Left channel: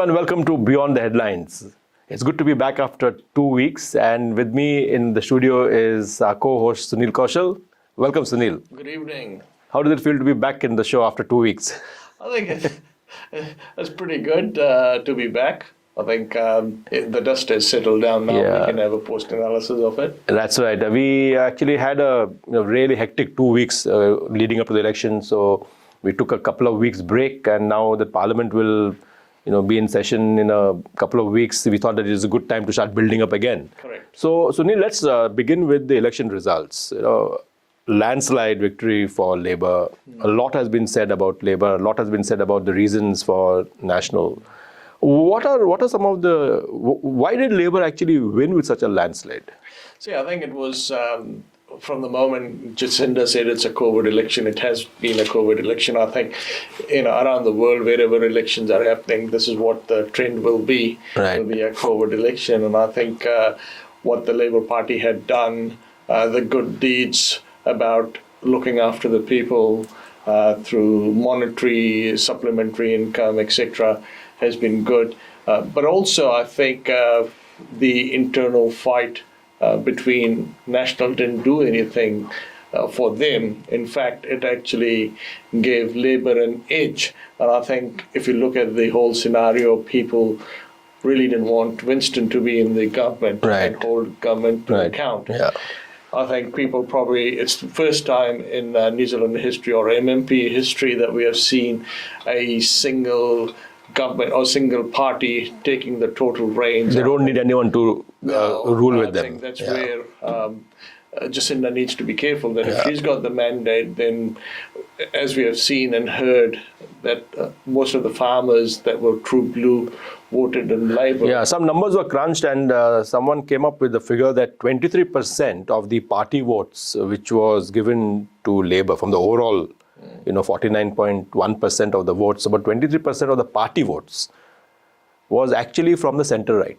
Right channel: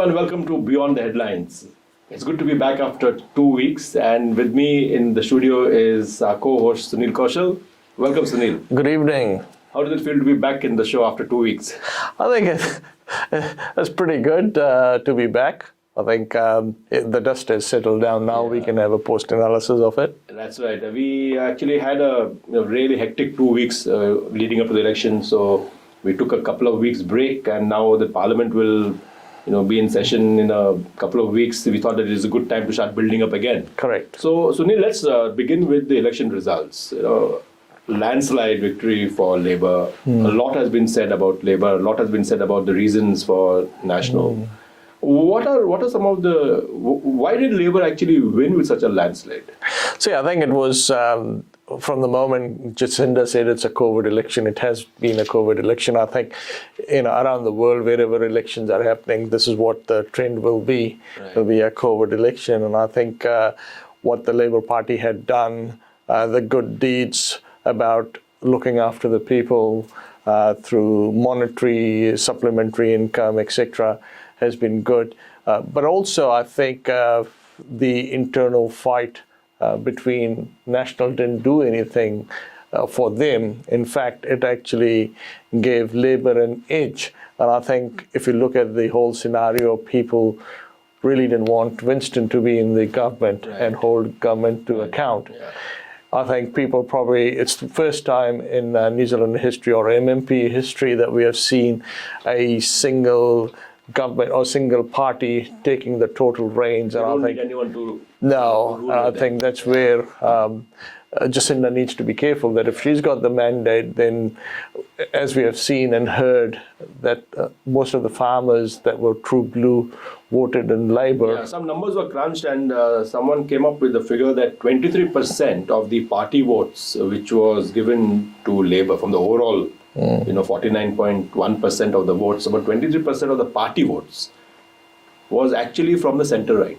Hello and welcome to Beyond the Headlines. It's good to be back after 2 weeks, and with me in the studio is our co-host Sunil Kaushal. Welcome, Sunil. Good evening. How does it feel to be back in the show after 2 weeks? I think it's pretty good to be back. I think the dust has settled down now. Yeah. We can have a post-analysis of it. That's right. We actually had a really hectic 2 weeks leading up to the election, so we took a couple of weeks break, and now the Parliament will be in session in a couple of weeks. We thought that it is a good time to start building up again. Correct. So, Sunil, let's begin with the election results. Landslide victory for Labour. A lot has been said about Labour. A lot has been said about the reasons for National. What are some of the... Why did Labour actually win with such a landslide? See, I think it was from the moment Jacinda said it's a COVID election, it has been a COVID election. I think around the world, wherever elections are happening, this is what the trend will be. Right. It will be a COVID election. And I think what the Labour Party had done, the good deeds about looking after the people through monetary, supplementary income, etc., has been good. But also, I think the internal fight between National didn't do anything for them. In fact, it actually gave Labour an edge. And I think if you look at the whole scenario, people really didn't want Winston to be in the government and hold government to account. Yeah. I think people it's the first time in New Zealand history or MMP history that we have seen a single government or single party taking the total reins. They don't need anyone to rule with them. I think that's where Jacinda needs to be careful that if she's got the mandate, then as we have seen and heard that most of the farmers that were true blue voted in Labour. Yeah, some numbers were crunched, and someone came up with the figure that 23% of the party votes which was given to Labour from the overall 49.1% of the votes, about 23% of the party votes was actually from the centre-right.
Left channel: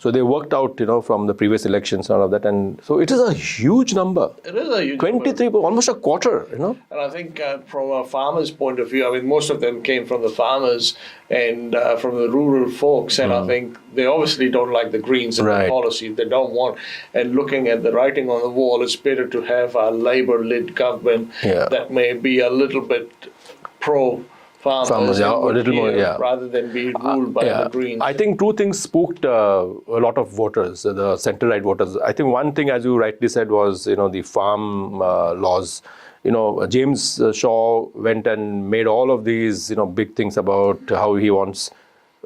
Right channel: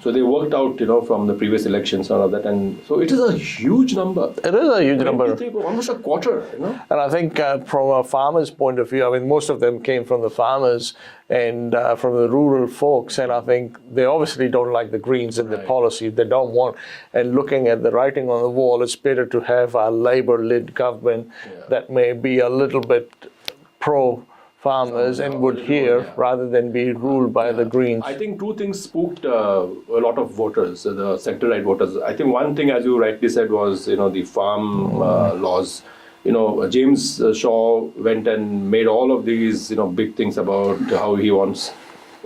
So they worked out, from the previous elections and all of that. And so it is a huge number. It is a huge 23, number. Almost a quarter, And I think from a farmer's point of view, I mean, most of them came from the farmers and from the rural folks. And I think they obviously don't like the Greens and the policy. They don't want. And looking at the writing on the wall, it's better to have a Labour-led government that may be a little bit farmers rather than be ruled by the Greens. I think two things spooked a lot of voters, the centre-right voters. I think one thing, as you rightly said, was the farm laws. James Shaw went and made all of these big things about how he wants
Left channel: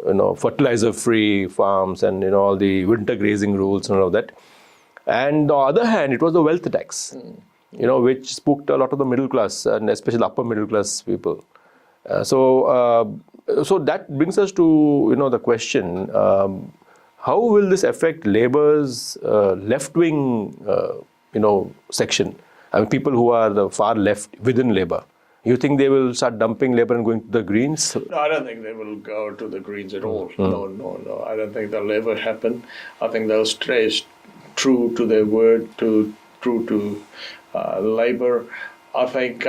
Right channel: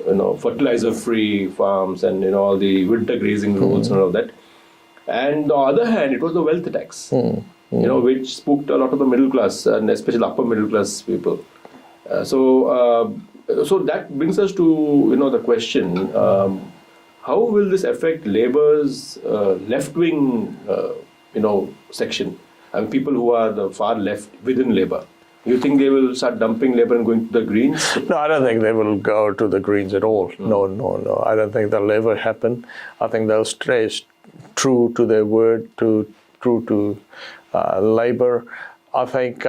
fertilizer-free farms and all the winter grazing rules and all that. And on the other hand, it was the wealth tax, which spooked a lot of the middle class and especially upper middle class people. So that brings us to the question: how will this affect Labour's left-wing section? I mean, people who are the far left within Labour. You think they will start dumping Labour and going to the Greens? No, I don't think they will go to the Greens at all. No. I don't think that'll ever happen. I think they'll stay true to their word, true to Labour. I think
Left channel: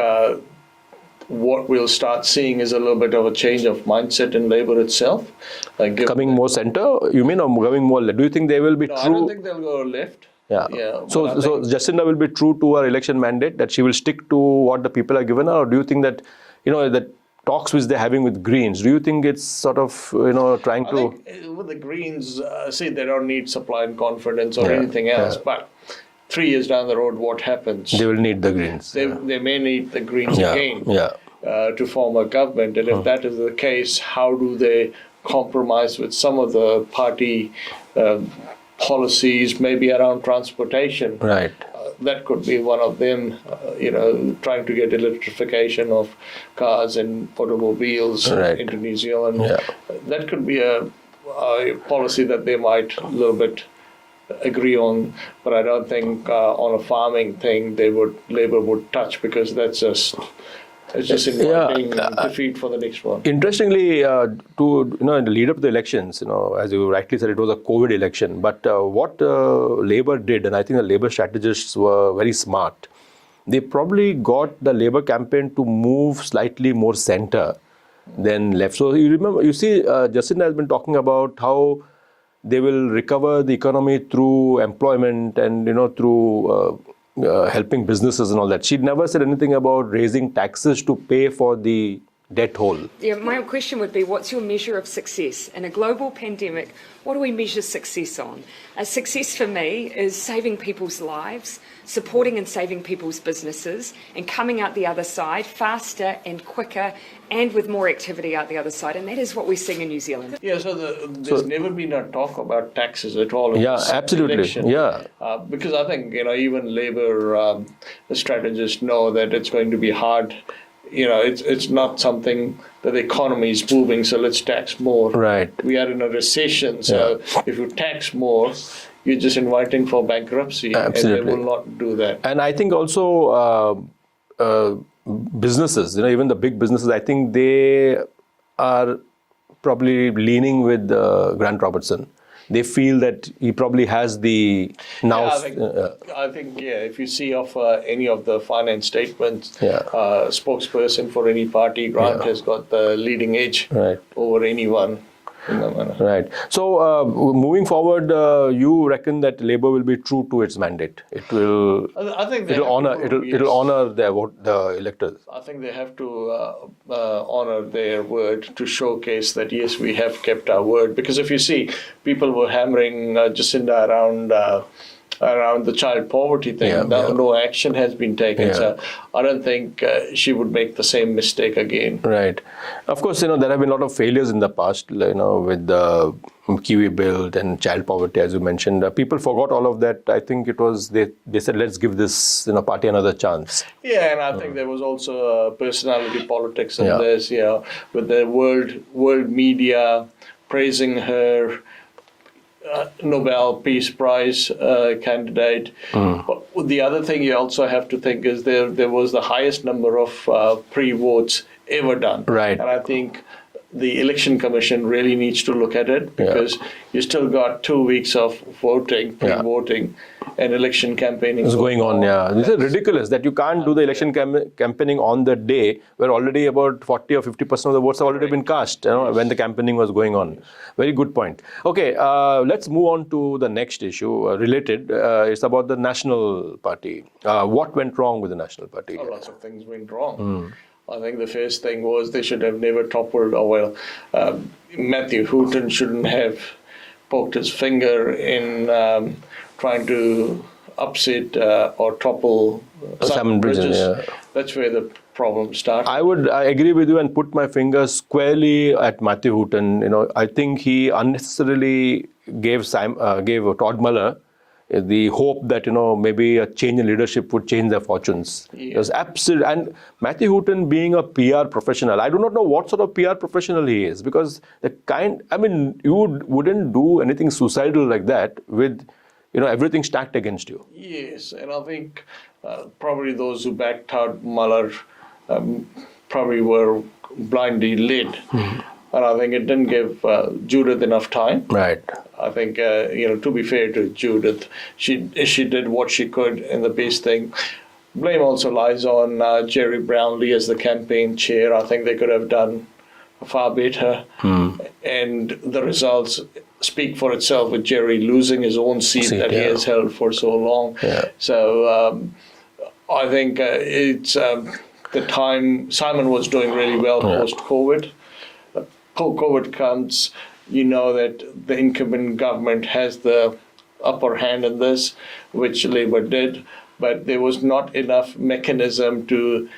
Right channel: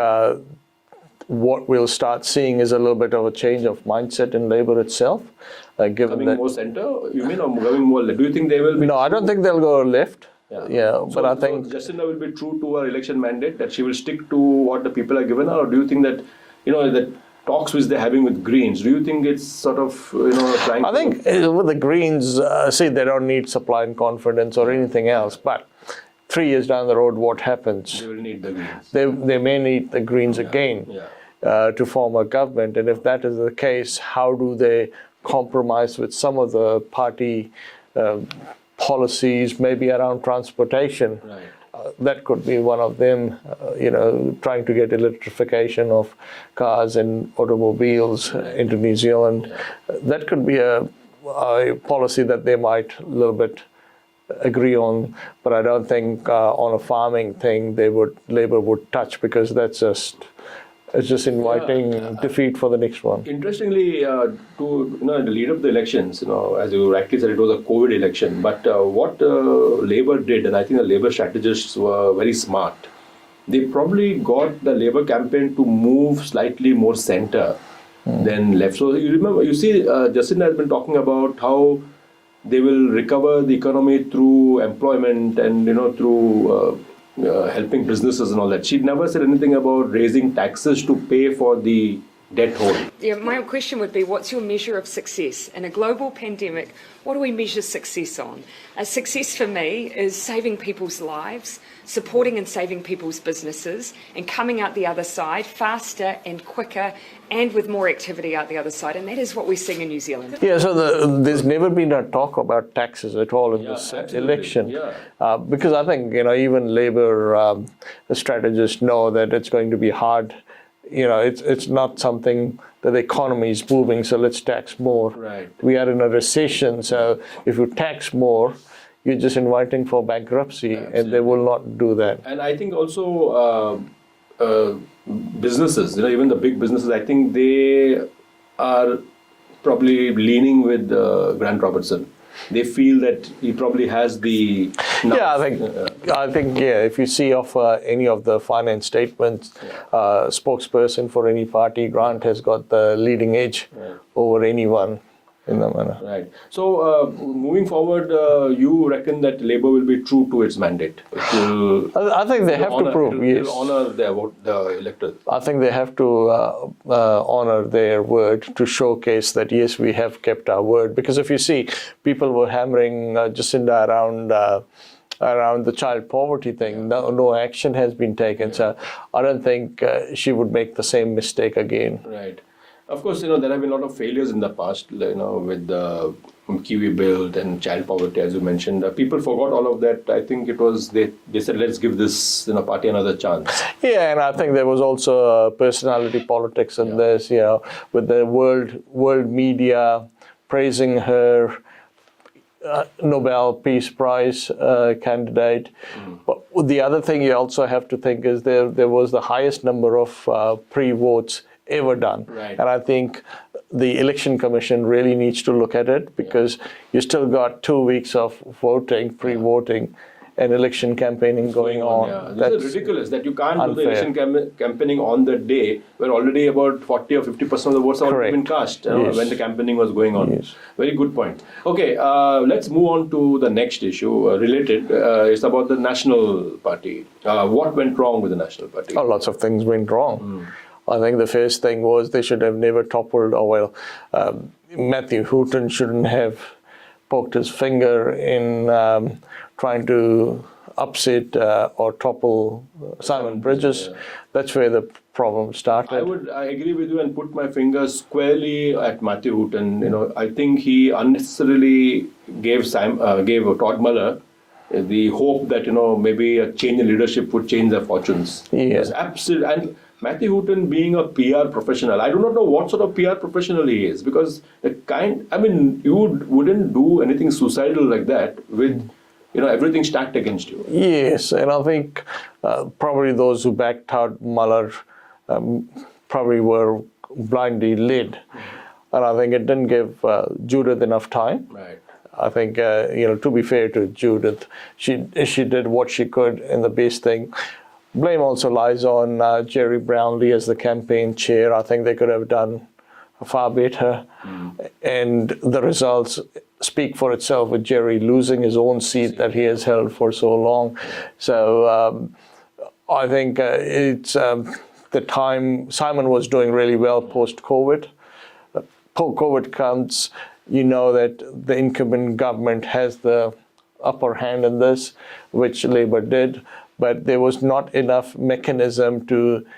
what we'll start seeing is a little bit of a change of mindset in Labour itself. Coming more centre, you mean, or going more left? Do you think they will be No, I don't think they'll go left. Yeah. So Jacinda will be true to her election mandate, that she will stick to what the people are given her, or do you think that, that talks which they're having with Greens, do you think it's sort of, trying to... I think with the Greens, they don't need supply and confidence or anything else, but 3 years down the road, what happens? They will need the Greens. They may need the Greens again to form a government. And if that is the case, how do they compromise with some of the party policies, maybe around transportation? Right. That could be one of them, trying to get electrification of cars and automobiles into New Zealand. That could be a policy that they might a little bit agree on, but I don't think on a farming thing Labour would touch, because that's just inviting defeat for the next one. Interestingly, in the lead up to the elections, as you rightly said, it was a COVID election. But what Labour did, and I think the Labour strategists were very smart, they probably got the Labour campaign to move slightly more centre then left. So you remember, you see, Jacinda has been talking about how they will recover the economy through employment and through helping businesses and all that. She never said anything about raising taxes to pay for the debt hole. Yeah, my question would be, what's your measure of success? In a global pandemic, what do we measure success on? A success for me is saving people's lives, supporting and saving people's businesses, and coming out the other side faster and quicker and with more activity out the other side. And that is what we're seeing in New Zealand. Yeah, so there's never been a talk about taxes at all in this election. Yeah. Because I think, even Labour strategists know that it's going to be hard. It's not something that the economy is moving, so let's tax more. Right. We are in a recession, so if you tax more, you're just inviting for bankruptcy. Absolutely. And they will not do that. And I think also businesses, even the big businesses, I think they are probably leaning with Grant Robertson. They feel that he probably has the now. Yeah, I think if you see of any of the finance statements, spokesperson for any party, Grant has got the leading edge over anyone. Right. So moving forward, you reckon that Labour will be true to its mandate? I think they have to prove. It'll honour the electors. I think they have to honour their word to showcase that, yes, we have kept our word. Because if you see, people were hammering Jacinda around the child poverty thing. No action has been taken. So I don't think she would make the same mistake again. Right. Of course, there have been a lot of failures in the past, with the Kiwi Build and child poverty, as you mentioned. People forgot all of that. I think it was, they said, let's give this party another chance. Yeah, and I think there was also personality politics in this, with the world media praising her Nobel Peace Prize candidate. But the other thing you also have to think is there was the highest number of pre-votes ever done. Right. And I think the Election Commission really needs to look at it, because you still got 2 weeks of voting, pre-voting, and election campaigning is going on. This is ridiculous that you can't do the election campaigning on the day where already about 40 or 50% of the votes have already been cast when the campaigning was going on. Very good point. Okay, let's move on to the next issue related. It's about the National Party. What went wrong with the National Party? Oh, lots of things went wrong. I think the first thing was they should have never toppled, Matthew Hooton shouldn't have poked his finger in trying to upset or topple Simon Bridges. That's where the problem started. I agree with you and put my finger squarely at Matthew Hooton. I think he unnecessarily gave Todd Muller the hope that maybe a change in leadership would change their fortunes. It was absolute. And Matthew Hooton, being a PR professional, I do not know what sort of PR professional he is, because you wouldn't do anything suicidal like that with everything stacked against you. Yes, and I think probably those who backed out Muller probably were blindly led. And I think it didn't give Judith enough time. Right. I think, to be fair to Judith, she did what she could in the best thing. Blame also lies on Jerry Brownlee as the campaign chair. I think they could have done far better. And the results speak for itself, with Jerry losing his own seat that he has held for so long. So I think it's the time Simon was doing really well post-COVID. COVID comes, that the incumbent government has the upper hand in this, which Labour did, but there was not enough mechanism to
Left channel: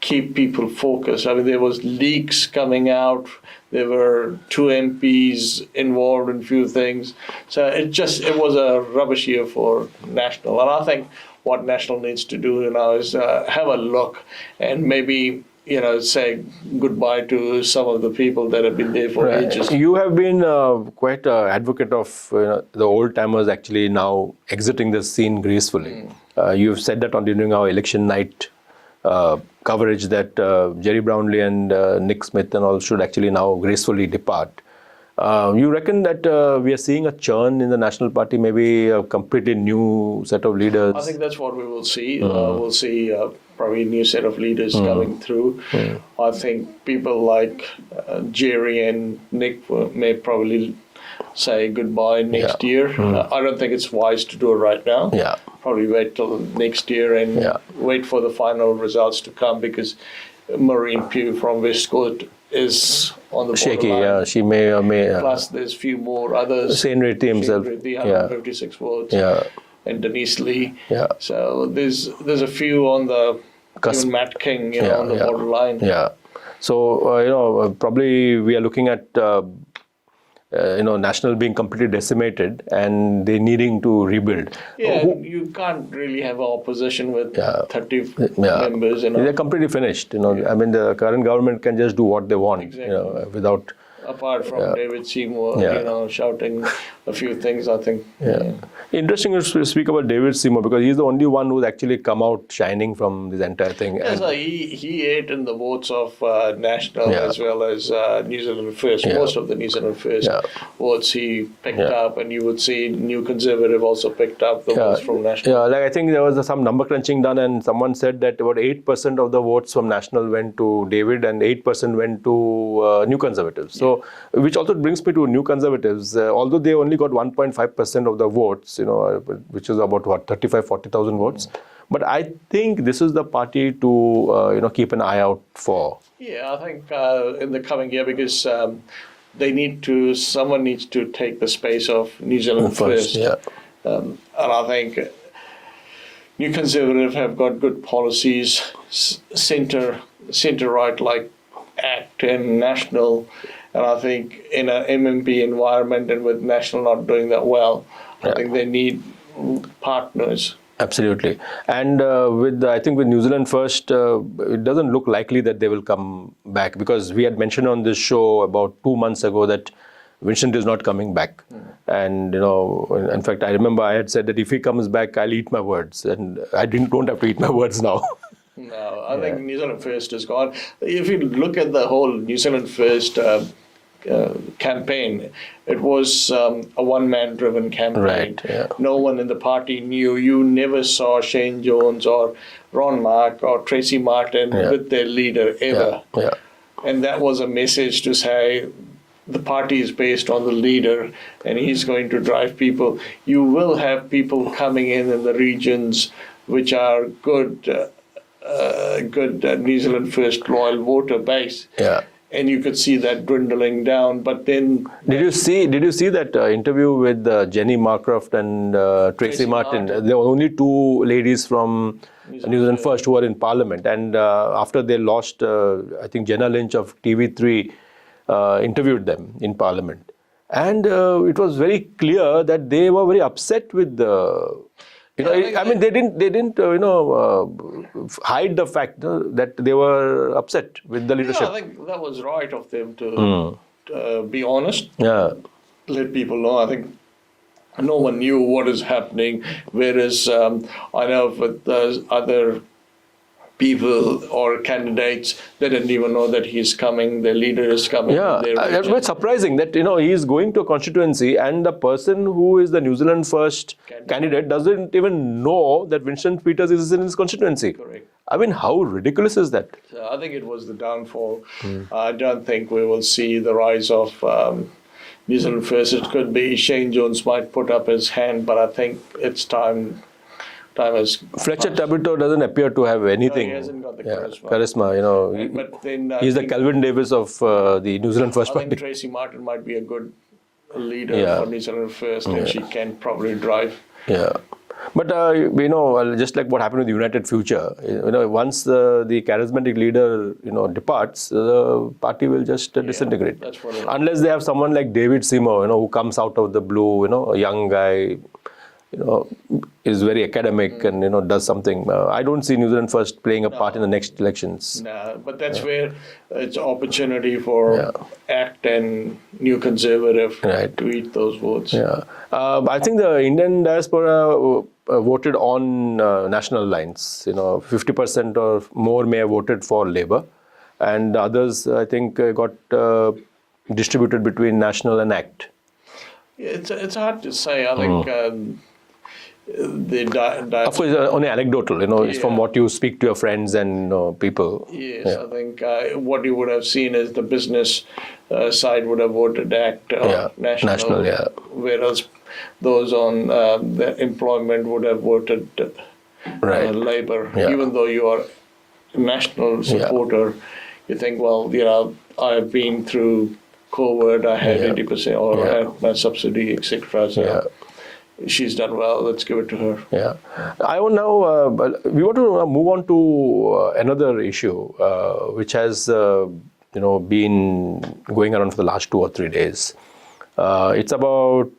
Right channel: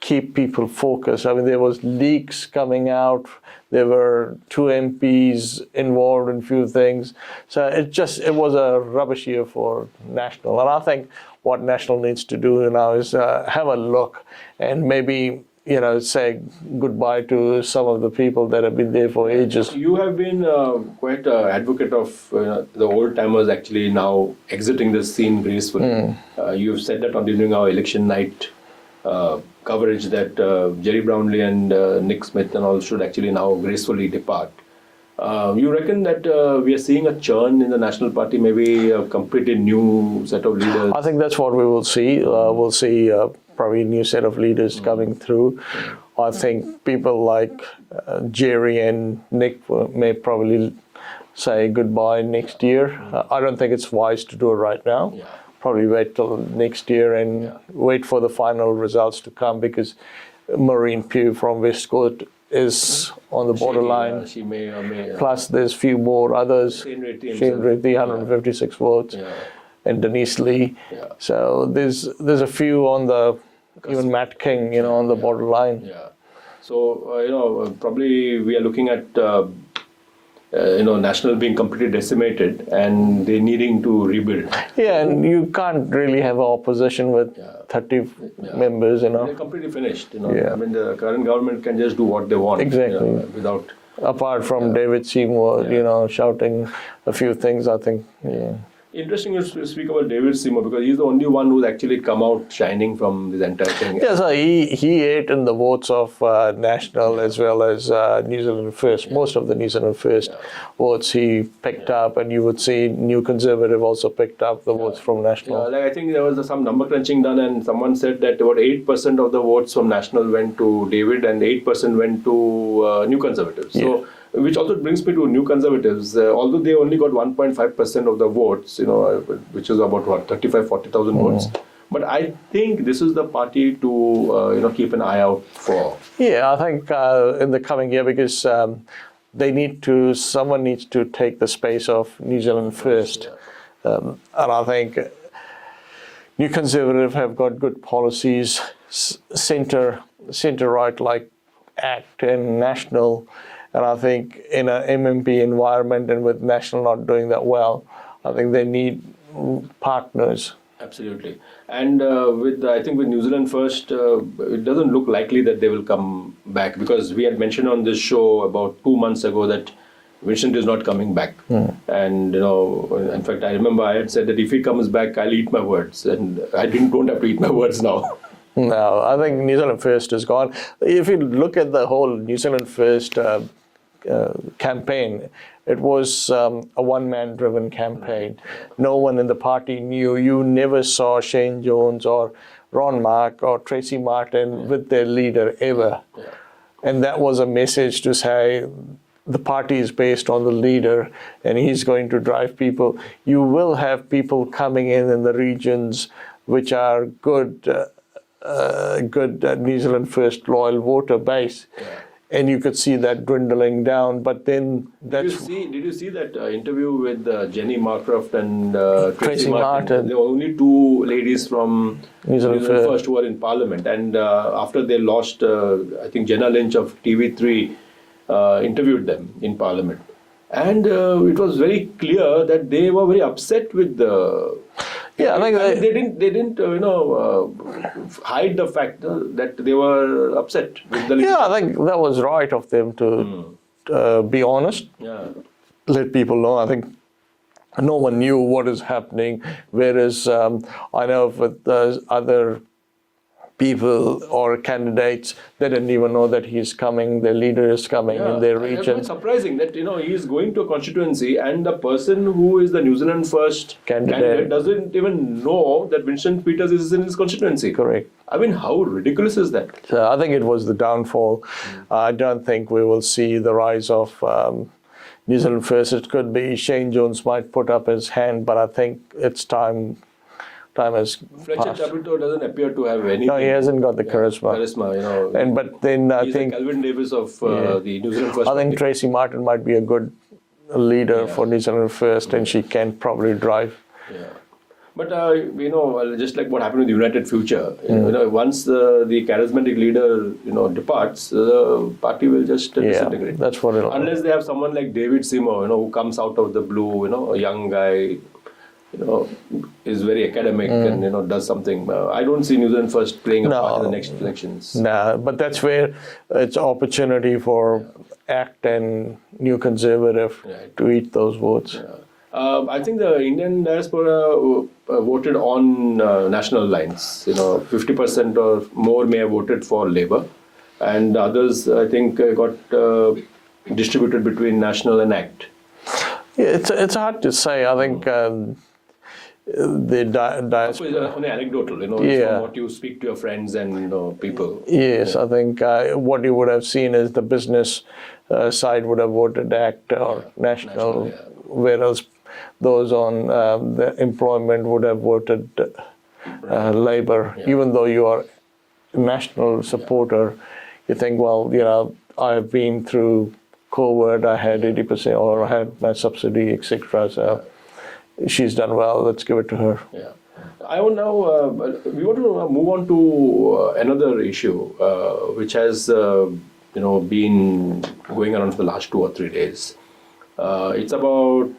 keep people focused. There was leaks coming out. There were 2 MPs involved in few things. So it was a rubbish year for National. And I think what National needs to do now is have a look and maybe say goodbye to some of the people that have been there for ages. You have been quite an advocate of the old timers actually now exiting the scene gracefully. You've said that during our election night coverage that Jerry Brownlee and Nick Smith and all should actually now gracefully depart. You reckon that we are seeing a churn in the National Party, maybe a completely new set of leaders? I think that's what we will see. We'll see probably a new set of leaders coming through. I think people like Jerry and Nick may probably say goodbye next year. I don't think it's wise to do it right now. Yeah. Probably wait till next year and wait for the final results to come, because Maureen Pugh from Westcourt is on the Shaky, borderline. yeah. She may or may. Plus, there's few more others. Shane Reddy himself. Shane Reddy, 156 votes. Yeah. And Denise Lee. Yeah. So there's a few on the even Matt King, on the borderline. Yeah. So probably we are looking at National being completely decimated and they needing to rebuild. Yeah, and you can't really have an opposition with 30 members. They're completely finished. I mean, the current government can just do what they want. Exactly. Without. Apart from David Seymour, shouting a few things, I think. Interesting to speak about David Seymour, because he's the only one who's actually come out shining from this entire thing. Yeah, so he ate in the votes of National as well as New Zealand First. Most of the New Zealand First votes he picked up, and you would see New Conservative also picked up the votes from National. Yeah, like I think there was some number crunching done, and someone said that about 8% of the votes from National went to David and 8% went to New Conservatives. So, which also brings me to New Conservatives. Although they only got 1.5% of the votes, which is about 40,000 votes. But I think this is the party to keep an eye out for. Yeah, I think in the coming year, because someone needs to take the space of New Zealand First. And I think New Conservative have got good policies, centre right like ACT and National. And I think in an MMP environment and with National not doing that well, I think they need partners. Absolutely. And I think with New Zealand First, it doesn't look likely that they will come back, because we had mentioned on this show about 2 months ago that Vincent is not coming back. And, in fact, I remember I had said that if he comes back, I'll eat my words. And I don't have to eat my words now. No, I think New Zealand First is gone. If you look at the whole New Zealand First campaign, it was a one-man driven campaign. Right, No one in the party knew. You never saw Shane Jones or Ron Mark or Tracy Martin with their leader ever. And that was a message to say the party is based on the leader and he's going to drive people. You will have people coming in the regions which are good New Zealand First loyal voter base. And you could see that dwindling down. But then, did you see that interview with Jenny Marcroft and Tracy Martin? There were only two ladies from New Zealand First who were in Parliament, and after they lost, I think Jenna Lynch of TV3 interviewed them in Parliament, and it was very clear that they were very upset with the. I mean, they didn't hide the fact that they were upset with the leadership. Yeah, I think that was right of them to be honest. Let people know. I think no one knew what is happening. Whereas I know with other people or candidates, they didn't even know that he's coming, their leader is coming in their region. It's quite surprising that he is going to a constituency and the person who is the New Zealand First candidate doesn't even know that Vincent Peters is in his constituency. Correct. I mean, how ridiculous is that? So I think it was the downfall. I don't think we will see the rise of New Zealand First. It could be Shane Jones might put up his hand, but I think it's time has Fletcher passed. Tabito doesn't appear to have anything. No, he hasn't got the charisma. But then he's the Calvin Davis of the New Zealand First. I think Tracy Martin might be a good leader for New Zealand First, and she can probably drive. But just like what happened with United Future, once the charismatic leader departs, the party will just disintegrate. That's what unless they have someone like David Seymour, who comes out of the blue, a young guy. Is very academic and does something. I don't see New Zealand First playing a part in the next elections. No, but that's where it's opportunity for ACT and New Conservative to eat those votes. I think the Indian diaspora voted on national lines. 50% or more may have voted for Labour, and others I think got distributed between national and ACT? Yeah, it's hard to say. I think Of course, only anecdotal, it's from what you speak to your friends and people. Yes, I think what you would have seen is the business side would have voted ACT or national, whereas those on the employment would have voted Labour. Even though you are a national supporter, you think, well, I've been through COVID, I had 80% or I had my subsidy, etc. So she's done well. Let's give it to her. Yeah, I want now. We want to move on to another issue, which has been going around for the last 2 or 3 days. It's about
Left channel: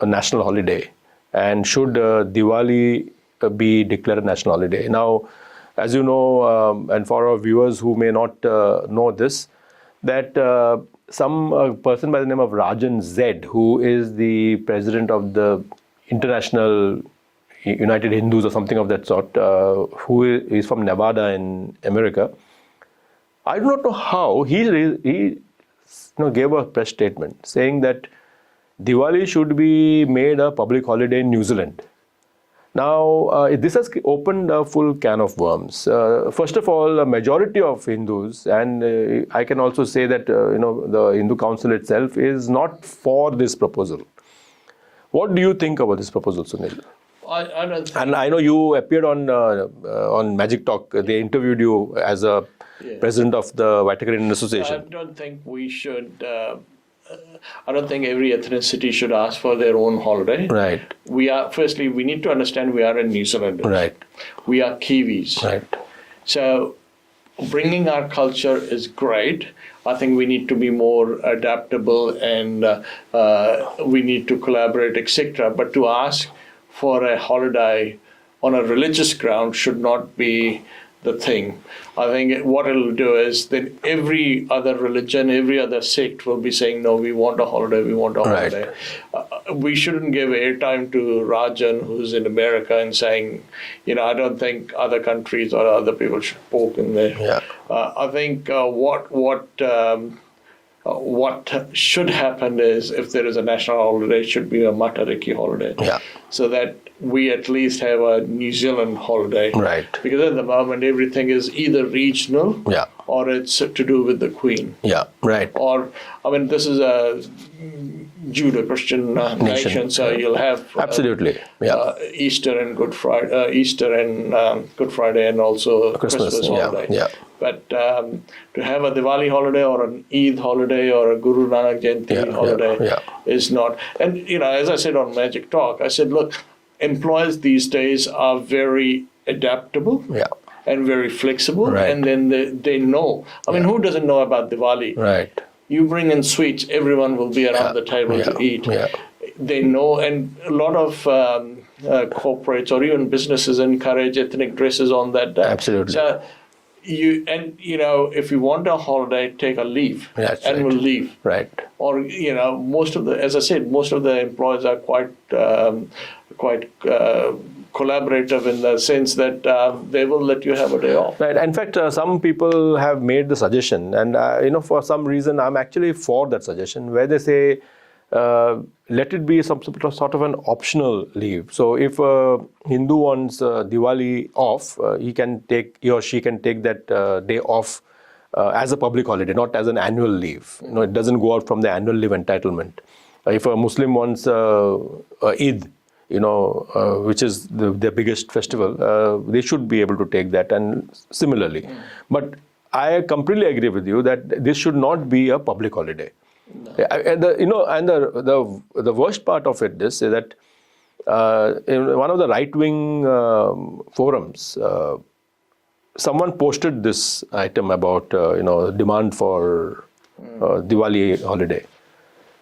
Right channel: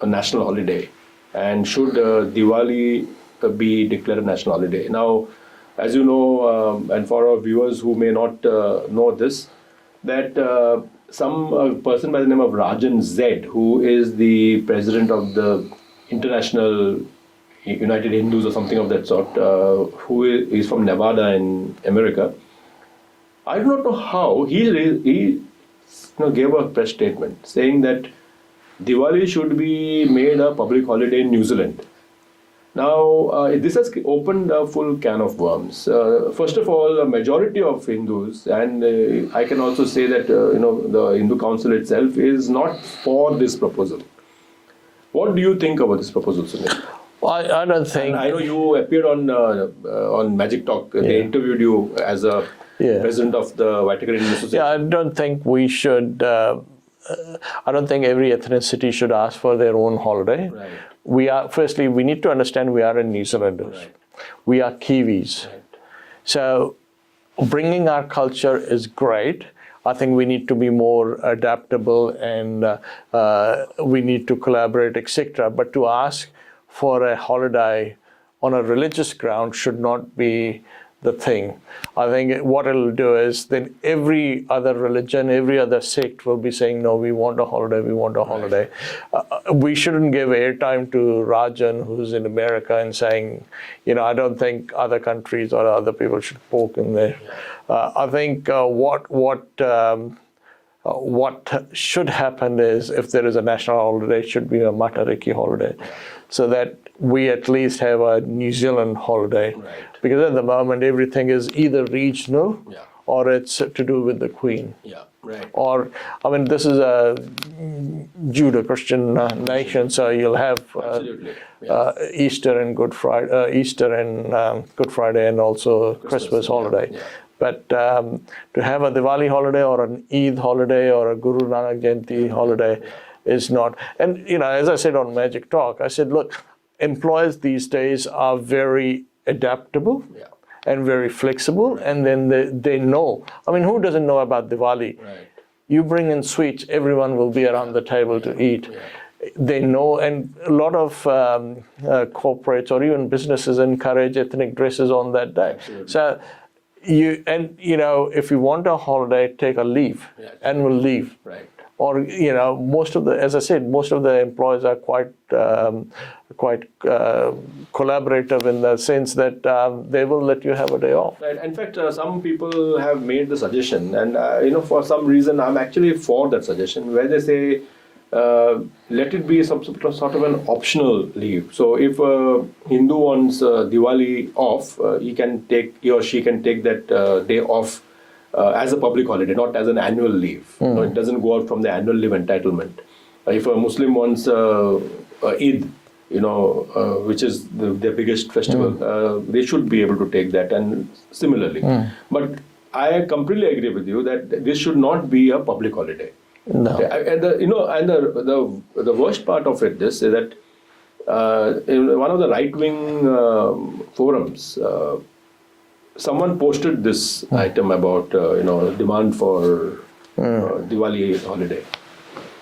a national holiday, and should Diwali be declared a national holiday? Now, as you know, and for our viewers who may not know this, that some person by the name of Rajan Z, who is the president of the International United Hindus or something of that sort, who is from Nevada in America. I do not know how he gave a press statement saying that Diwali should be made a public holiday in New Zealand. Now, this has opened a full can of worms. First of all, a majority of Hindus, and I can also say that the Hindu Council itself is not for this proposal. What do you think about this proposal, Sunil? I don't think. And I know you appeared on Magic Talk. They interviewed you as a president of the Vatican Association. I don't think we should. I don't think every ethnicity should ask for their own holiday. Right. Firstly, we need to understand we are in New Zealand. Right. We are Kiwis. Right. So bringing our culture is great. I think we need to be more adaptable and we need to collaborate, etc. But to ask for a holiday on a religious ground should not be the thing. I think what it'll do is that every other religion, every other sect will be saying, no, we want a holiday, we want a holiday. We shouldn't give airtime to Rajan, who's in America, and saying, I don't think other countries or other people should poke in there. Yeah. I think what should happen is, if there is a national holiday, it should be a Matariki holiday. Yeah. So that we at least have a New Zealand holiday. Right. Because at the moment, everything is either regional or it's to do with the Queen. Yeah, right. Or, this is a Judeo-Christian nation, so you'll have absolutely Easter and Good Friday, Good Friday, and also Christmas holiday. Yeah. But to have a Diwali holiday or an Eid holiday or a Guru Nanak Jayanti holiday is not. And, as I said on Magic Talk, I said, look, employers these days are very adaptable and very flexible. Right. And then they know. Who doesn't know about Diwali? Right. You bring in sweets, everyone will be around the table to eat. Yeah. They know, and a lot of corporates or even businesses encourage ethnic dresses on that day. Absolutely. So, if you want a holiday, take a leave, annual leave. Right. Or, most of the employers are quite collaborative in the sense that they will let you have a day off. Right. In fact, some people have made the suggestion, and for some reason, I'm actually for that suggestion, where they say, let it be some sort of an optional leave. So if a Hindu wants Diwali off, he or she can take that day off as a public holiday, not as an annual leave. It doesn't go out from the annual leave entitlement. If a Muslim wants Eid, which is their biggest festival, they should be able to take that, and similarly. But I completely agree with you that this should not be a public holiday. No. And the worst part of it is that in one of the right-wing forums, someone posted this item about demand for Diwali holiday.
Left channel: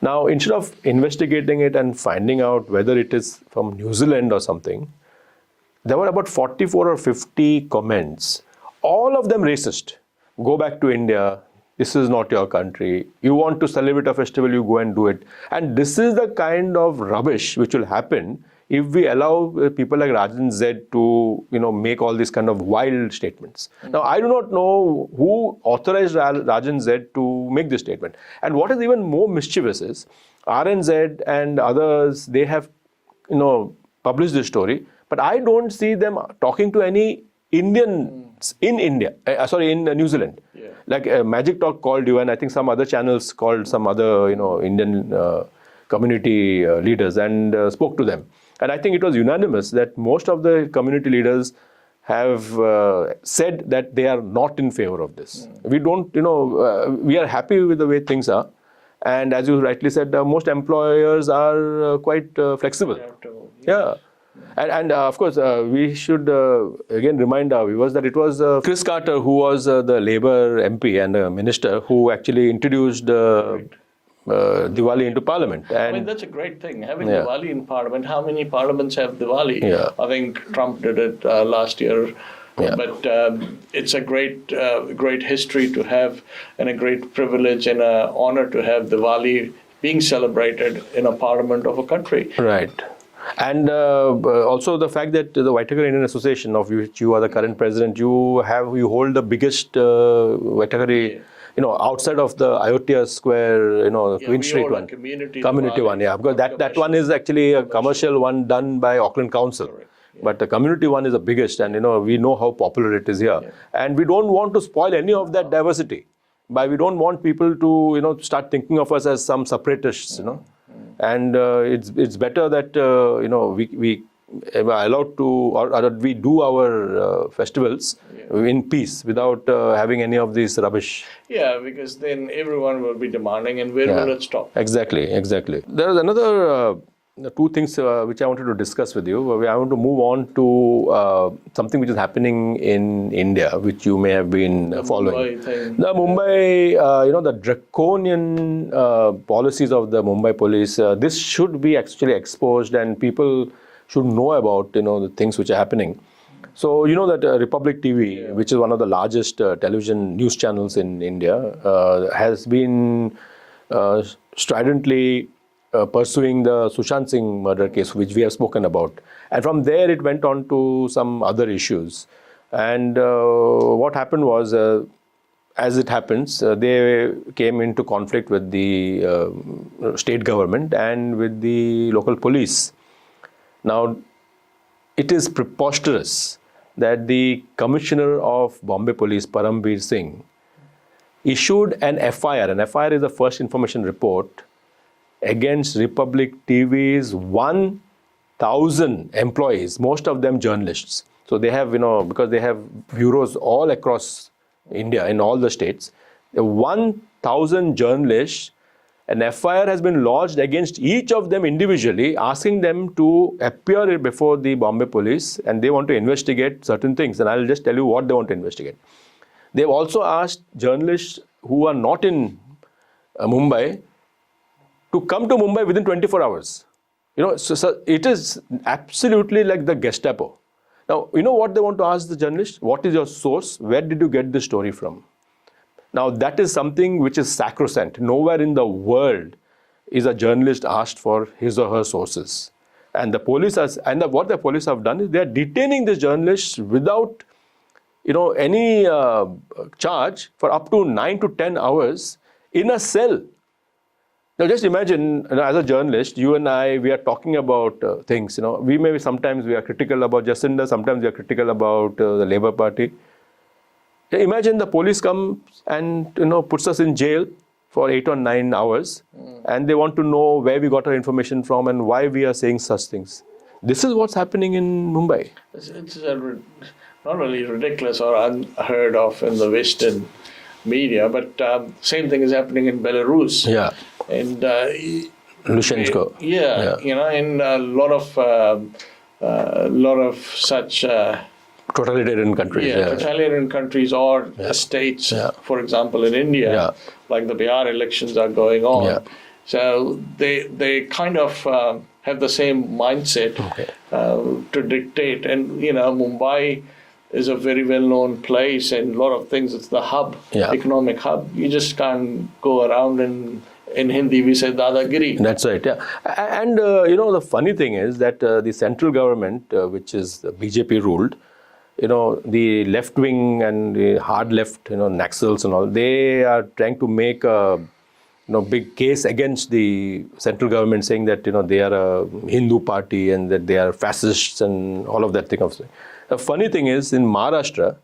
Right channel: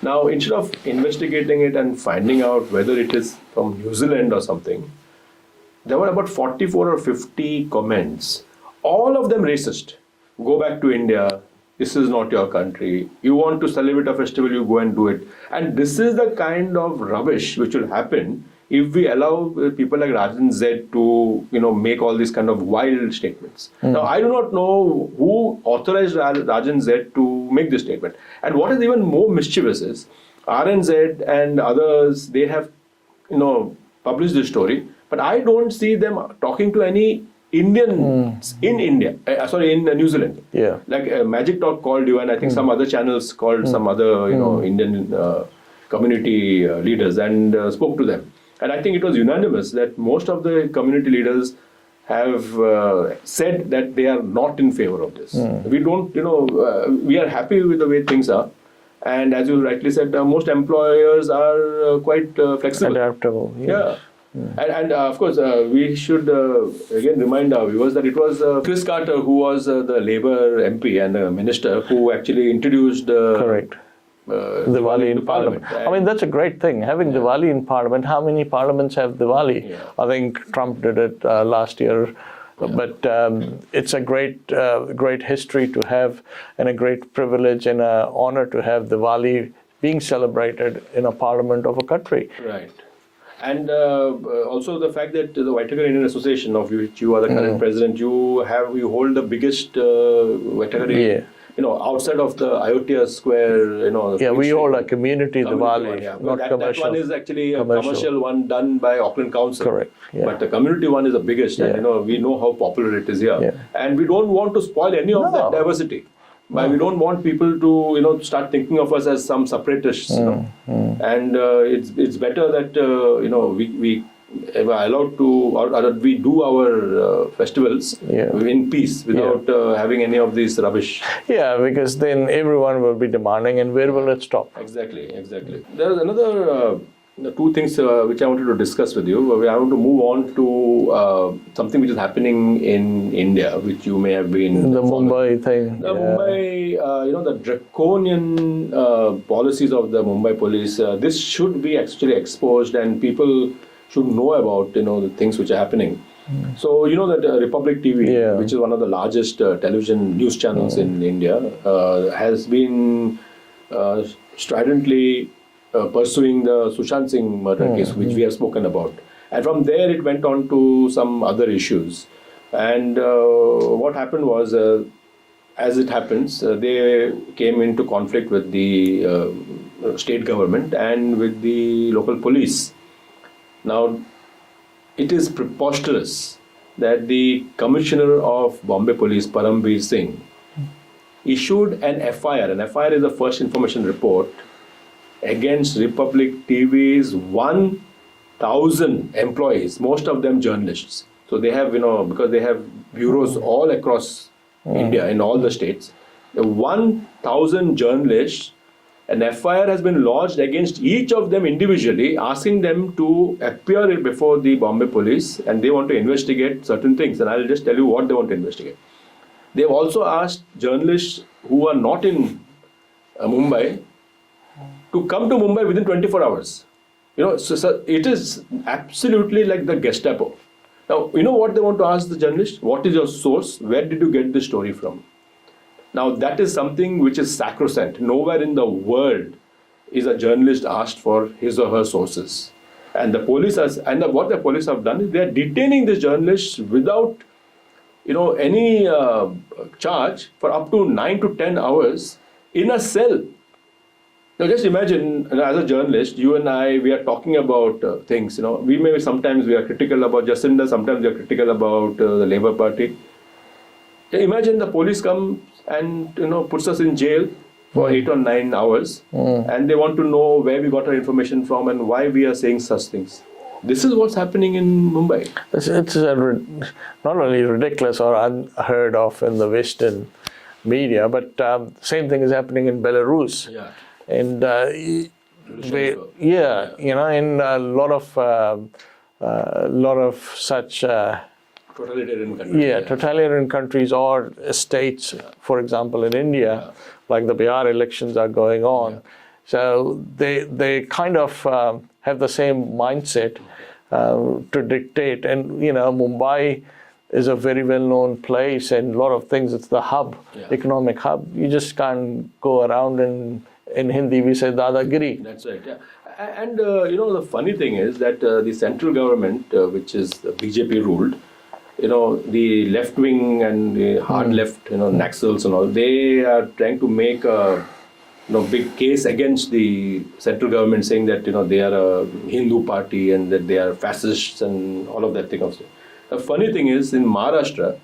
Now, instead of investigating it and finding out whether it is from New Zealand or something, there were about 44 or 50 comments, all of them racist. Go back to India. This is not your country. You want to celebrate a festival, you go and do it. And this is the kind of rubbish which will happen if we allow people like Rajan Z to, make all these kind of wild statements. Now, I do not know who authorized Rajan Z to make this statement. And what is even more mischievous is, RNZ and others, they have, published this story, but I don't see them talking to any Indians in India, in New Zealand. Yeah. Like Magic Talk called you, and I think some other channels called some other, Indian community leaders and spoke to them. And I think it was unanimous that most of the community leaders have said that they are not in favor of this. We don't, we are happy with the way things are. And as you rightly said, most employers are quite flexible. Adaptable. Yeah. And of course, we should again remind our viewers that it was Chris Carter, who was the Labour MP and minister, who actually introduced Correct. Diwali into Parliament. I mean, that's a great thing, having Diwali in Parliament. How many parliaments have Diwali? Yeah. I think Trump did it last year. Yeah. But it's a great history to have, and a great privilege and an honor to have Diwali being celebrated in a parliament of a country. Right. And also the fact that the Vitagar Indian Association, of which you are the current president, you hold the biggest Vitagar, outside of the Ayodhya Square, Yeah, Queen we Street hold one. a community Community Diwali, one, yeah. not Because that one is actually a commercial one done by Auckland Council. Correct, yeah. But the community one is the biggest, and we know how popular it is here. Yeah. And we don't want to spoil any of that No. diversity. But we don't want people to, start thinking of us as some separatists, And it's better that, we are allowed to, or that we do our festivals in peace without having any of these rubbish. Yeah, because then everyone will be demanding, and where will it stop? Exactly. There is another two things which I wanted to discuss with you. I want to move on to something which is happening in India, which you may have been The following. Mumbai thing. The Mumbai, the draconian policies of the Mumbai police, this should be actually exposed, and people should know about, the things which are happening. So, that Republic TV, which is one of the largest television news channels in India, has been stridently pursuing the Sushant Singh murder case, which we have spoken about. And from there, it went on to some other issues. And what happened was, as it happens, they came into conflict with the state government and with the local police. Now, it is preposterous that the Commissioner of Bombay Police, Paramveer Singh, issued an FIR. An FIR is the first information report against Republic TV's 1,000 employees, most of them journalists. So they have, because they have bureaus all across India, in all the states, 1,000 journalists, an FIR has been lodged against each of them individually, asking them to appear before the Bombay police, and they want to investigate certain things. And I'll just tell you what they want to investigate. They've also asked journalists who are not in Mumbai to come to Mumbai within 24 hours. So it is absolutely like the Gestapo. Now, what they want to ask the journalist? What is your source? Where did you get this story from? Now, that is something which is sacrosanct. Nowhere in the world is a journalist asked for his or her sources. And the police what the police have done is they are detaining this journalist without, any charge for up to 9 to 10 hours in a cell. Now, just imagine, as a journalist, you and I, we are talking about things. Sometimes we are critical about Jacinda, sometimes we are critical about the Labour Party. Imagine the police comes and puts us in jail for 8 or 9 hours, and they want to know where we got our information from and why we are saying such things. This is what's happening in Mumbai. It's not really ridiculous or unheard of in the Western media, but same thing is happening in Belarus. Yeah. And Lushenko. In a lot of such Totalitarian countries. totalitarian countries or states, for example, in India, like the Bihar elections are going on. Yeah. So they kind of have the same mindset to dictate. And, Mumbai is a very well-known place and a lot of things. It's the hub, economic hub. You just can't go around and in Hindi we say dadagiri. That's right, yeah. And, the funny thing is that the central government, which is BJP ruled, the left wing and the hard left, Naxals and all, they are trying to make a big case against the central government, saying that, they are a Hindu party and that they are fascists and all of that thing. The funny thing is, in Maharashtra,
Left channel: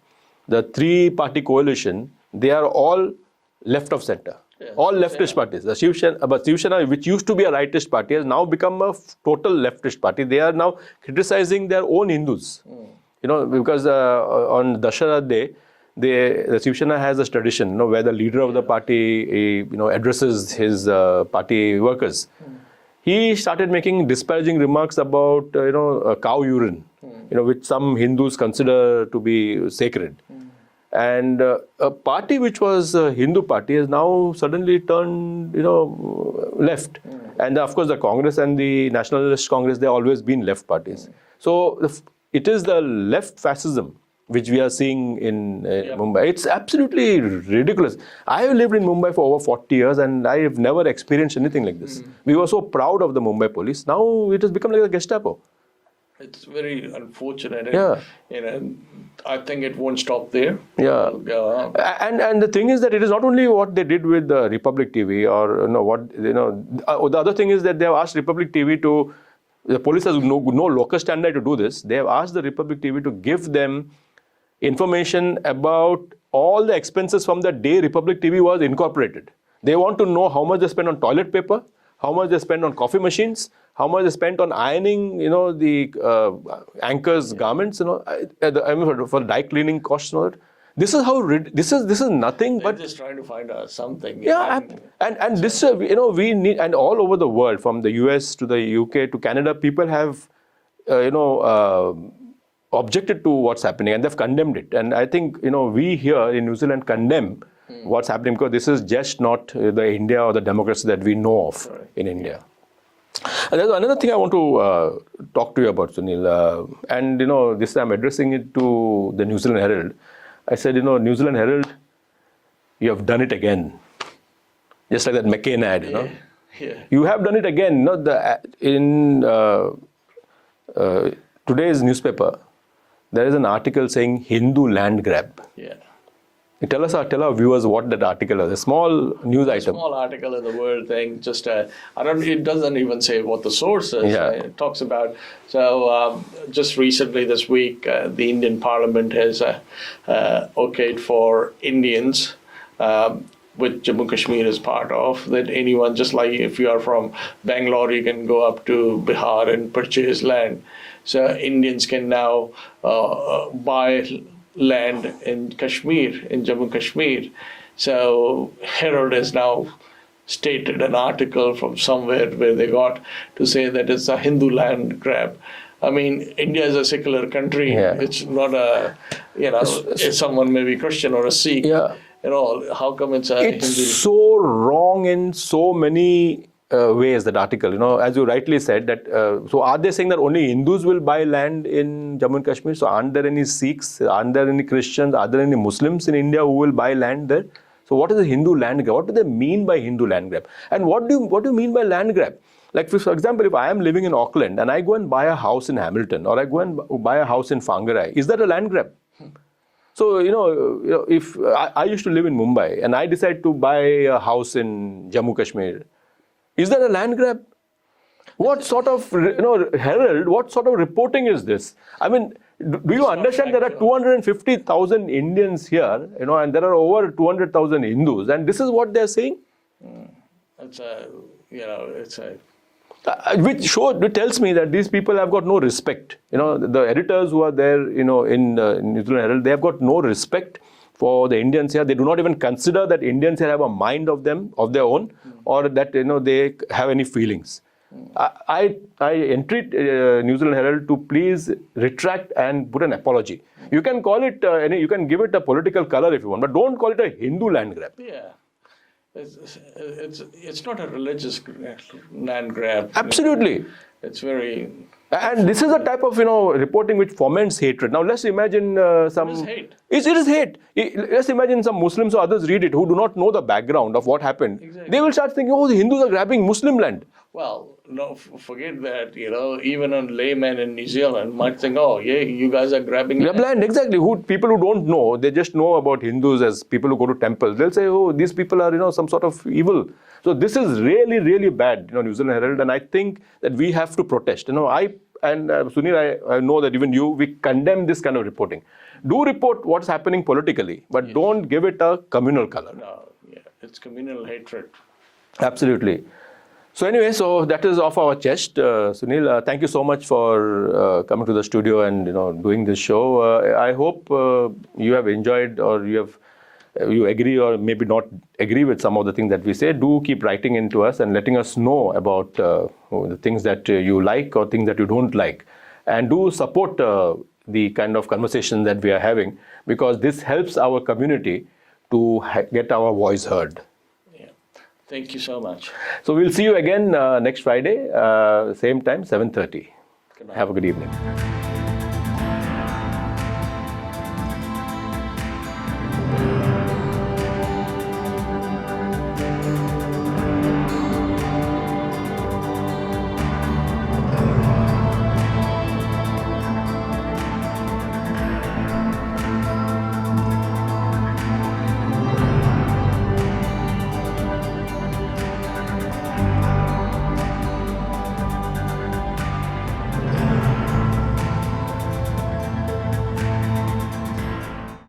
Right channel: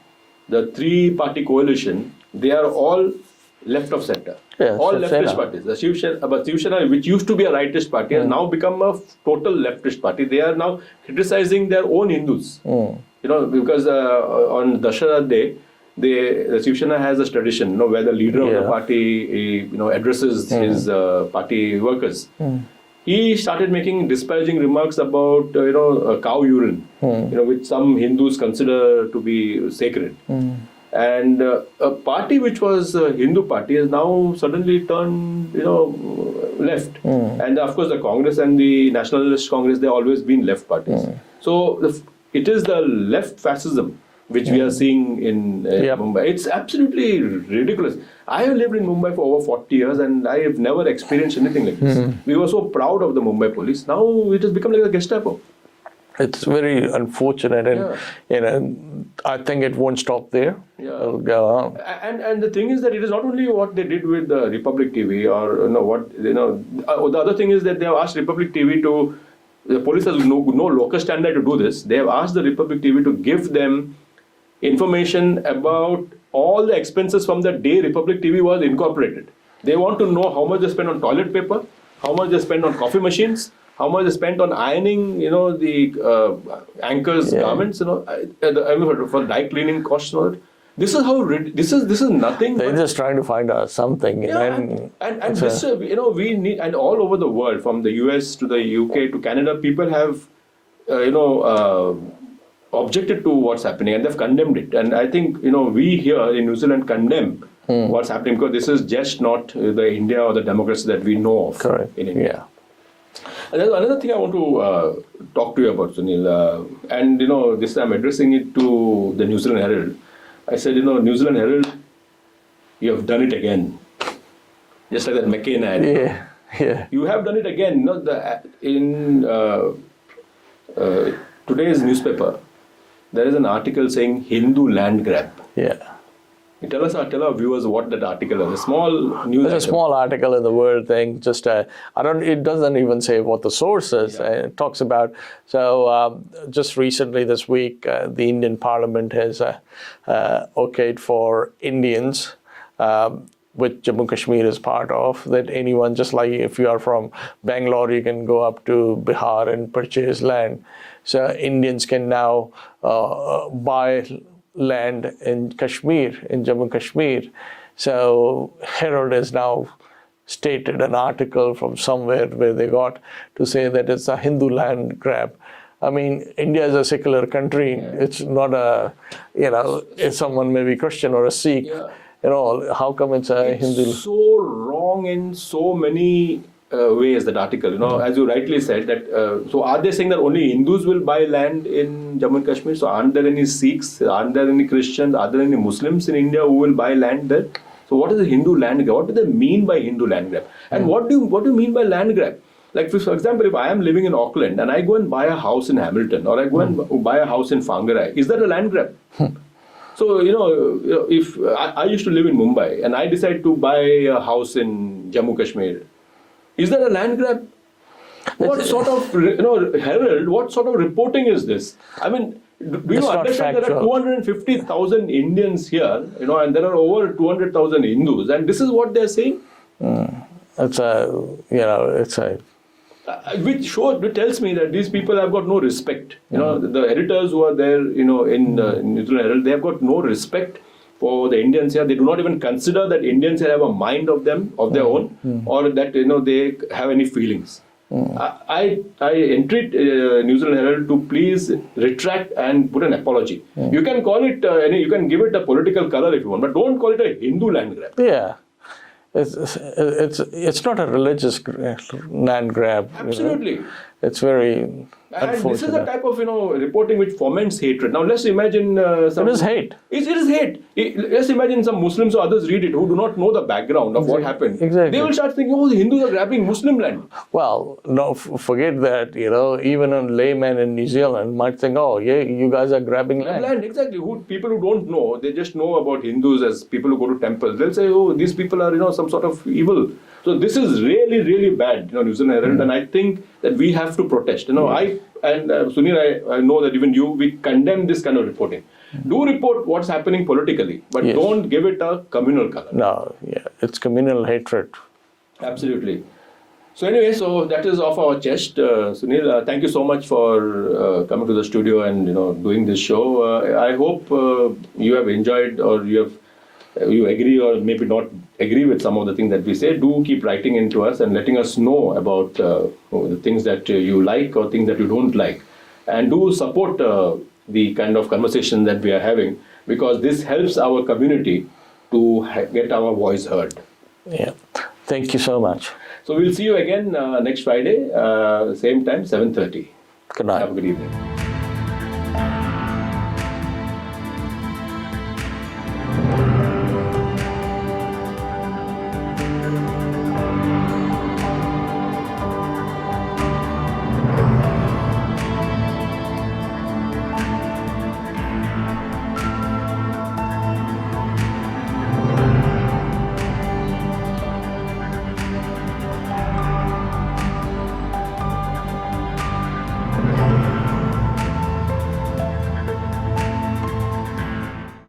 the three-party coalition, they are all left of center. Yeah, all leftist parties. The Shiv Sena, which used to be a rightist party, has now become a total leftist party. They are now criticizing their own Hindus. Because on Dashara Day, the Shiv Sena has this tradition, where the leader of the party, addresses his party workers. He started making disparaging remarks about, cow urine, which some Hindus consider to be sacred. And a party which was a Hindu party has now suddenly turned, left. And of course, the Congress and the Nationalist Congress, they've always been left parties. So it is the left fascism which we are seeing in Mumbai. It's absolutely ridiculous. I have lived in Mumbai for over 40 years and I have never experienced anything like this. We were so proud of the Mumbai police. Now it has become like a Gestapo. It's very unfortunate, and I think it won't stop there. Yeah, it'll go on. And the thing is that it is not only what they did with the Republic TV, or the other thing is that they have asked Republic TV to. The police has no locus standi to do this. They have asked the Republic TV to give them information about all the expenses from the day Republic TV was incorporated. They want to know how much they spend on toilet paper, how much they spend on coffee machines, how much they spent on ironing, the anchors' garments, for dry cleaning costs and all that. This is how this is nothing. They're just trying to find out something. And this, we need, and all over the world, from the US to the UK to Canada, people have, objected to what's happening and they've condemned it. And I think, we here in New Zealand condemn what's happening, because this is just not the India or the democracy that we know of in India. And there's another thing I want to talk to you about, Sunil. And, this time I'm addressing it to the New Zealand Herald. I said, New Zealand Herald, you have done it again. Just like that McCain ad. Yeah. You have done it again. In today's newspaper, there is an article saying Hindu land grab. Yeah. Tell our viewers what that article is. A small news item. A small article in the World thing. Just it doesn't even say what the source is. It talks about. So just recently this week, the Indian Parliament has okayed for Indians, which Jammu Kashmir is part of, that anyone, just like if you are from Bangalore, you can go up to Bihar and purchase land. So Indians can now buy land in Kashmir, in Jammu Kashmir. So Herald has now stated an article from somewhere where they got to say that it's a Hindu land grab. I mean, India is a secular country. Yeah. It's not a, if someone may be Christian or a Sikh. Yeah. How come it's a It's Hindu? so wrong in so many ways, that article. As you rightly said, that so are they saying that only Hindus will buy land in Jammu and Kashmir? So aren't there any Sikhs? Aren't there any Christians? Are there any Muslims in India who will buy land there? So what is the Hindu land grab? What do they mean by Hindu land grab? And what do you mean by land grab? Like, for example, if I am living in Auckland and I go and buy a house in Hamilton, or I go and buy a house in Whangarei, is that a land grab? So, if I used to live in Mumbai and I decide to buy a house in Jammu Kashmir, is that a land grab? What sort of, Herald, what sort of reporting is this? I mean, do you understand there are 250,000 Indians here, and there are over 200,000 Hindus, and this is what they're saying? Which tells me that these people have got no respect. The editors who are there, in New Zealand Herald, they have got no respect for the Indians here. They do not even consider that Indians here have a mind of their own, or that they have any feelings. I entreat New Zealand Herald to please retract and put an apology. You can call it, you can give it a political color if you want, but don't call it a Hindu land grab. Yeah. It's not a religious land grab. Absolutely. It's very. And this is the type of reporting which foments hatred. Now let's imagine some. It is hate. It is hate. Let's imagine some Muslims or others read it who do not know the background of what happened. Exactly. They will start thinking, oh, the Hindus are grabbing Muslim land. Well, no, forget that. Even a layman in New Zealand might think, oh, yeah, you guys are grabbing land. Land, exactly. People who don't know, they just know about Hindus as people who go to temples. They'll say, oh, these people are some sort of evil. So this is really, really bad, New Zealand Herald, and I think that we have to protest. Sunil, I know that even you, we condemn this kind of reporting. Do report what's happening politically, but don't give it a communal color. No, it's communal hatred. Absolutely. So anyway, that is off our chest. Sunil, thank you so much for coming to the studio and doing this show. I hope you have enjoyed, or you agree or maybe not agree with some of the things that we say. Do keep writing into us and letting us know about the things that you like or things that you don't like. And do support the kind of conversation that we are having, because this helps our community to get our voice heard. Yeah. Thank you so much. So we'll see you again next Friday, same time, 7:30. Good night. Have a good evening.